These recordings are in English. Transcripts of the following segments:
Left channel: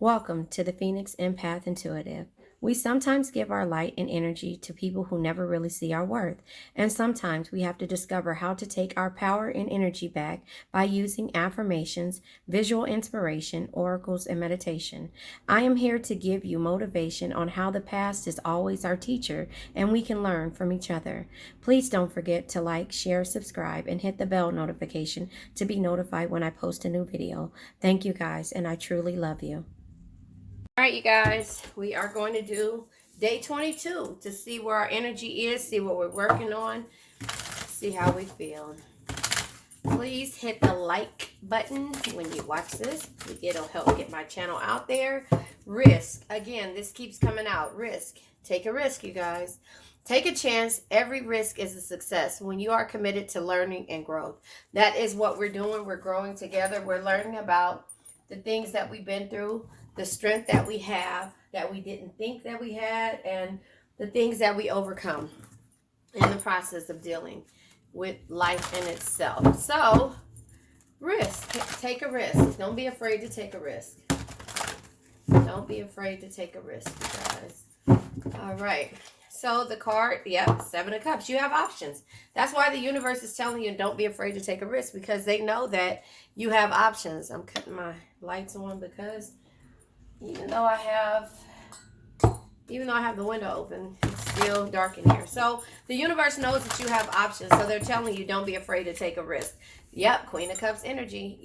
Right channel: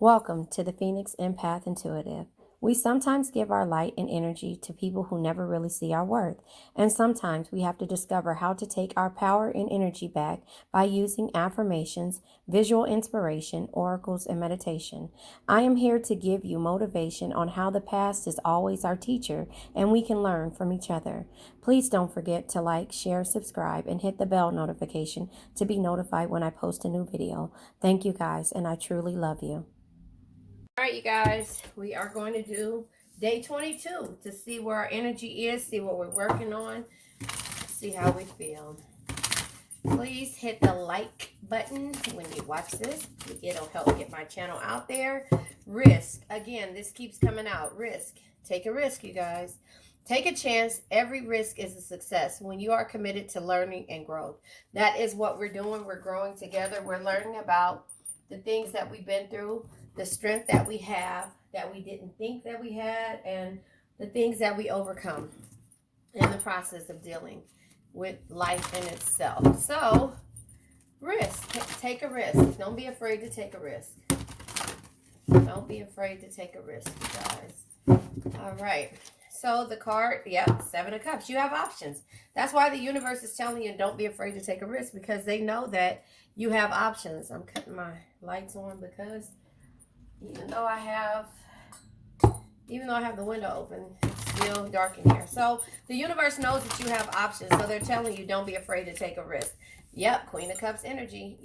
Welcome to the Phoenix Empath Intuitive. We sometimes give our light and energy to people who never really see our worth, and sometimes we have to discover how to take our power and energy back by using affirmations, visual inspiration, oracles, and meditation. I am here to give you motivation on how the past is always our teacher and we can learn from each other. Please don't forget to like, share, subscribe, and hit the bell notification to be notified when I post a new video. Thank you guys, and I truly love you. All right, you guys, we are going to do day 22 to see where our energy is, see what we're working on, see how we feel. Please hit the like button when you watch this. It'll help get my channel out there. Risk. Again, this keeps coming out. Risk. Take a risk, you guys. Take a chance. Every risk is a success when you are committed to learning and growth. That is what we're doing. We're growing together. We're learning about the things that we've been through, the strength that we have that we didn't think that we had, and the things that we overcome in the process of dealing with life in itself. So, risk. Take a risk. Don't be afraid to take a risk. Don't be afraid to take a risk, you guys. All right. So the card, Seven of Cups. You have options. That's why the universe is telling you don't be afraid to take a risk, because they know that you have options. I'm cutting my lights on because even though I have the window open, it's still dark in here. So the universe knows that you have options. So they're telling you don't be afraid to take a risk. Yep, Queen of Cups energy,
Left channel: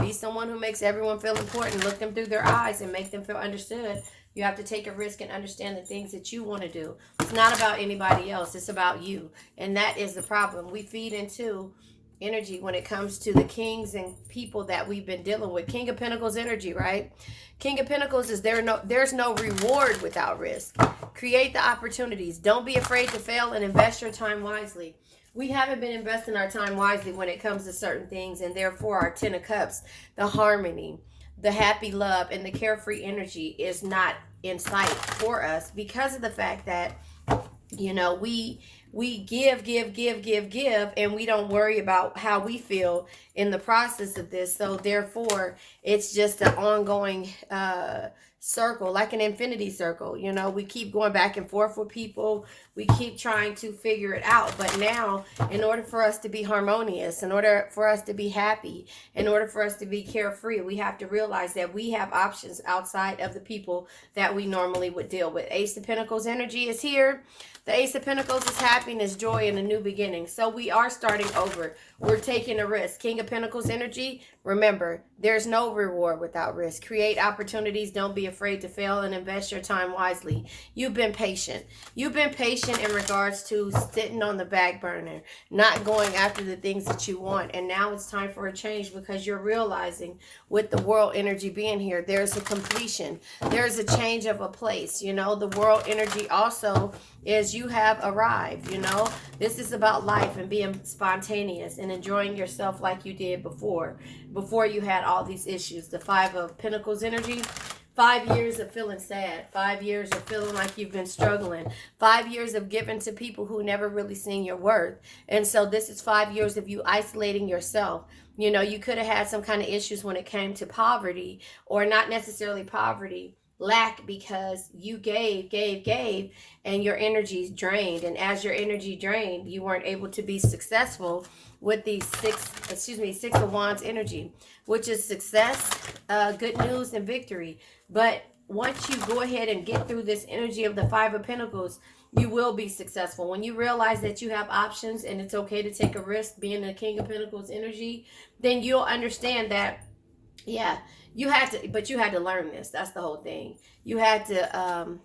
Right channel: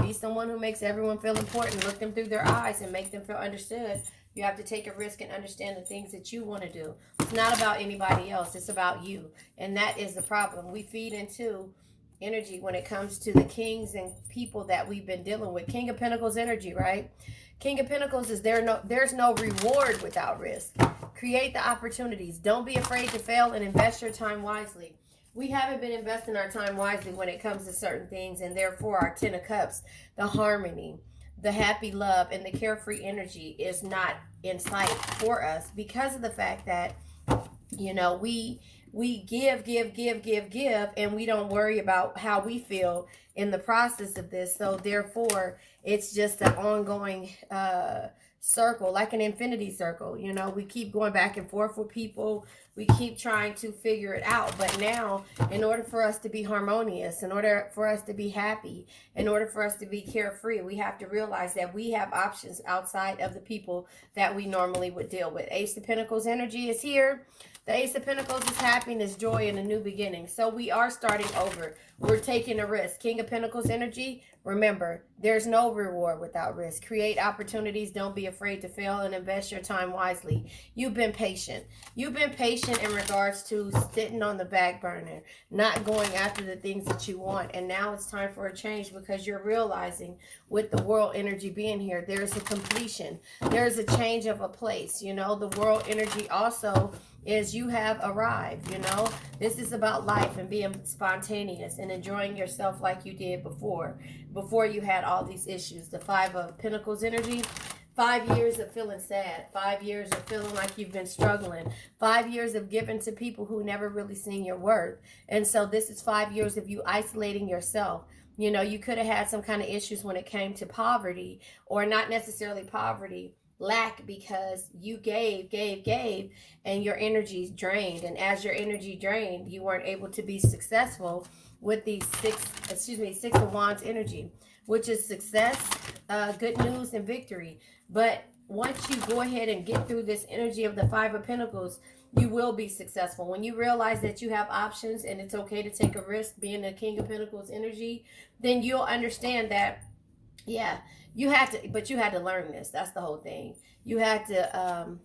Be someone who makes everyone feel important. Look them through their eyes and make them feel understood. You have to take a risk and understand the things that you want to do. It's not about anybody else. It's about you. And that is the problem. We feed into energy when it comes to the kings and people that we've been dealing with. King of Pentacles energy, right? King of Pentacles is there's no reward without risk. Create the opportunities. Don't be afraid to fail and invest your time wisely. We haven't been investing our time wisely when it comes to certain things, and therefore our Ten of Cups, the harmony, the happy love, and the carefree energy is not in sight for us because of the fact that, we give, and we don't worry about how we feel in the process of this. So therefore, it's just an ongoing circle, like an infinity circle. We keep going back and forth with people. We keep trying to figure it out. But now, in order for us to be harmonious, in order for us to be happy, in order for us to be carefree, we have to realize that we have options outside of the people that we normally would deal with. Ace of Pentacles energy is here. The Ace of Pentacles is happiness, joy, and a new beginning. So we are starting over. We're taking a risk. King of Pentacles energy, remember, there's no reward without risk. Create opportunities. Don't be afraid to fail and invest your time wisely. You've been patient. You've been patient in regards to sitting on the back burner, not going after the things that you want. And now it's time for a change because you're realizing with the world energy being here, there's a completion. There's a change of a place. The world energy also is you have arrived. This is about life and being spontaneous and enjoying yourself like you did before you had all these issues. The Five of Pentacles energy, 5 years of feeling sad, 5 years of feeling like you've been struggling, 5 years of giving to people who never really seen your worth. And so this is 5 years of you isolating yourself. You could have had some kind of issues when it came to poverty, or not necessarily poverty, lack, because you gave, and your energy's drained. And as your energy drained, you weren't able to be successful with the Six of Wands energy, which is success, good news, and victory. But once you go ahead and get through this energy of the Five of Pentacles, you will be successful. When you realize that you have options and it's okay to take a risk being the King of Pentacles energy, then you'll understand that, you had to learn this. That's the whole thing. You had to,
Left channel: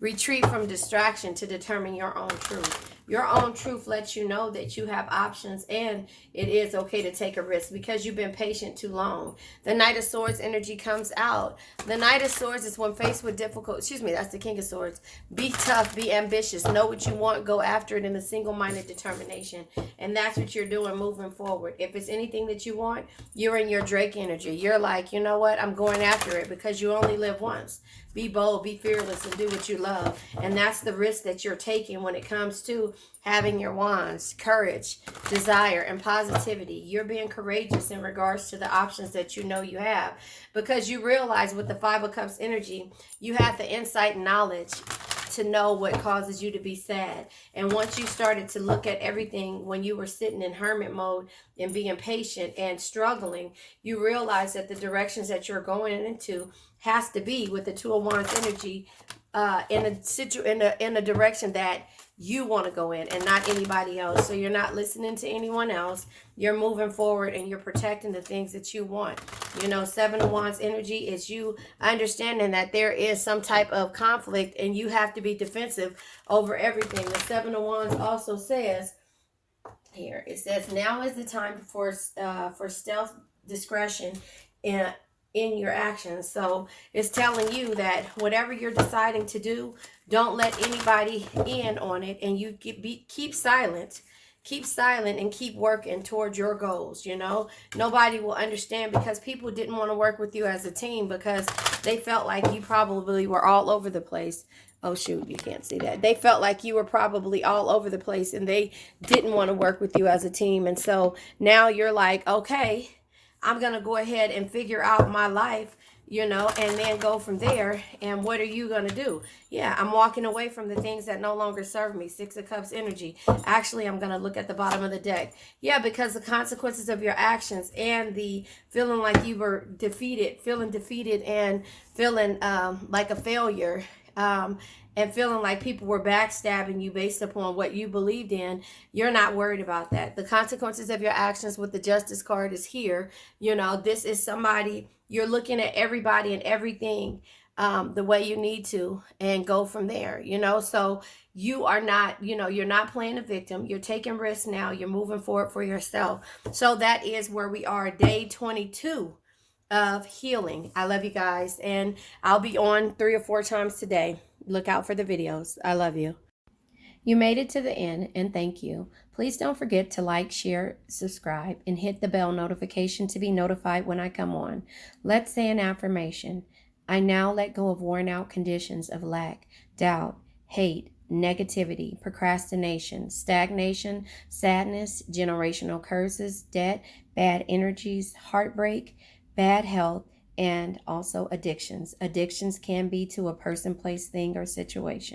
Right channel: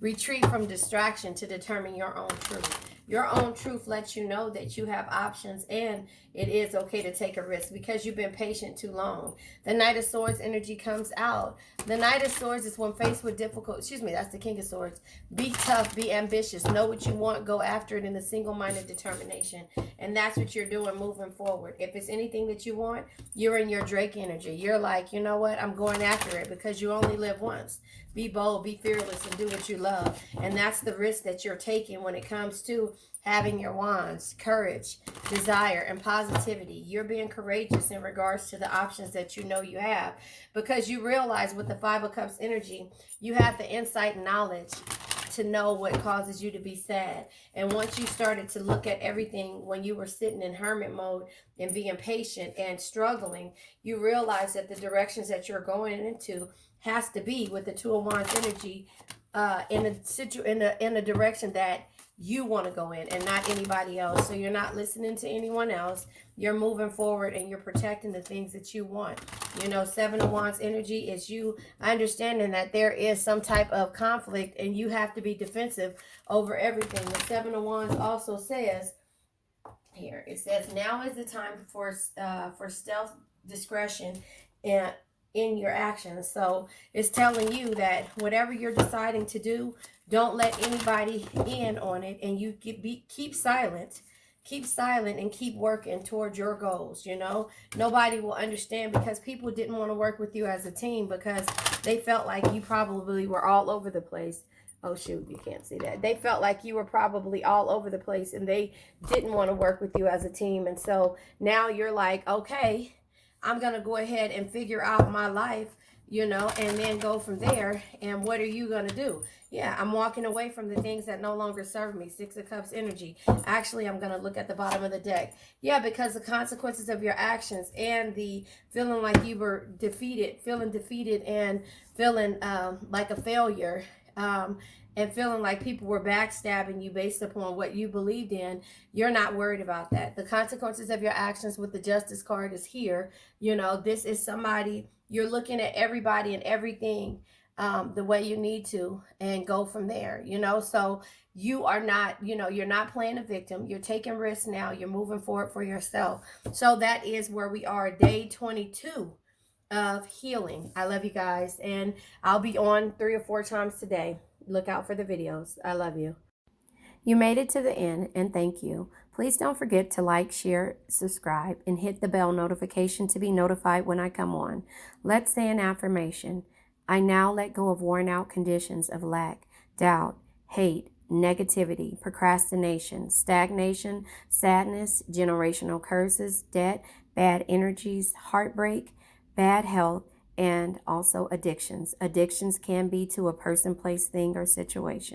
retreat from distraction to determine your own truth. Your own truth lets you know that you have options and it is okay to take a risk because you've been patient too long. The Knight of Swords energy comes out. The Knight of Swords is when faced with that's the King of Swords. Be tough, be ambitious, know what you want, go after it in a single-minded determination. And that's what you're doing moving forward. If it's anything that you want, you're in your Drake energy. You're like, you know what, I'm going after it because you only live once. Be bold, be fearless, and do what you love. And that's the risk that you're taking when it comes to having your wands, courage, desire, and positivity. You're being courageous in regards to the options that you know you have, because you realize with the Five of Cups energy, you have the insight and knowledge to know what causes you to be sad. And once you started to look at everything when you were sitting in hermit mode and being patient and struggling, you realize that the directions that you're going into has to be with the Two of Wands energy in a direction that you want to go in and not anybody else. So you're not listening to anyone else. You're moving forward and you're protecting the things that you want. You know, Seven of Wands energy is you understanding that there is some type of conflict and you have to be defensive over everything. The Seven of Wands also says here, it says now is the time for stealth discretion in your actions. So it's telling you that whatever you're deciding to do, don't let anybody in on it, and you keep silent. Keep silent and keep working towards your goals. You know, nobody will understand, because people didn't want to work with you as a team because they felt like you probably were all over the place. Oh, shoot, you can't see that. They felt like you were probably all over the place and they didn't want to work with you as a team. And so now you're like, okay, I'm going to go ahead and figure out my life, you know, and then go from there. And what are you going to do? Yeah, I'm walking away from the things that no longer serve me. Six of Cups energy. Actually, I'm going to look at the bottom of the deck. Yeah, because the consequences of your actions and the feeling like you were defeated, feeling defeated and feeling like a failure, and feeling like people were backstabbing you based upon what you believed in, you're not worried about that. The consequences of your actions with the Justice card is here. You know, this is somebody, you're looking at everybody and everything the way you need to and go from there, you know. So you are not, you know, you're not playing a victim. You're taking risks now. You're moving forward for yourself. So that is where we are, day 22 of healing. I love you guys, and I'll be on 3 or 4 times today. Look out for the videos. I love you. You made it to the end, and thank you. Please don't forget to like, share, subscribe, and hit the bell notification to be notified when I come on. Let's say an affirmation. I now let go of worn out conditions of lack, doubt, hate, negativity, procrastination, stagnation, sadness, generational curses, debt, bad energies, heartbreak, bad health, and also addictions. Addictions can be to a person, place, thing, or situation.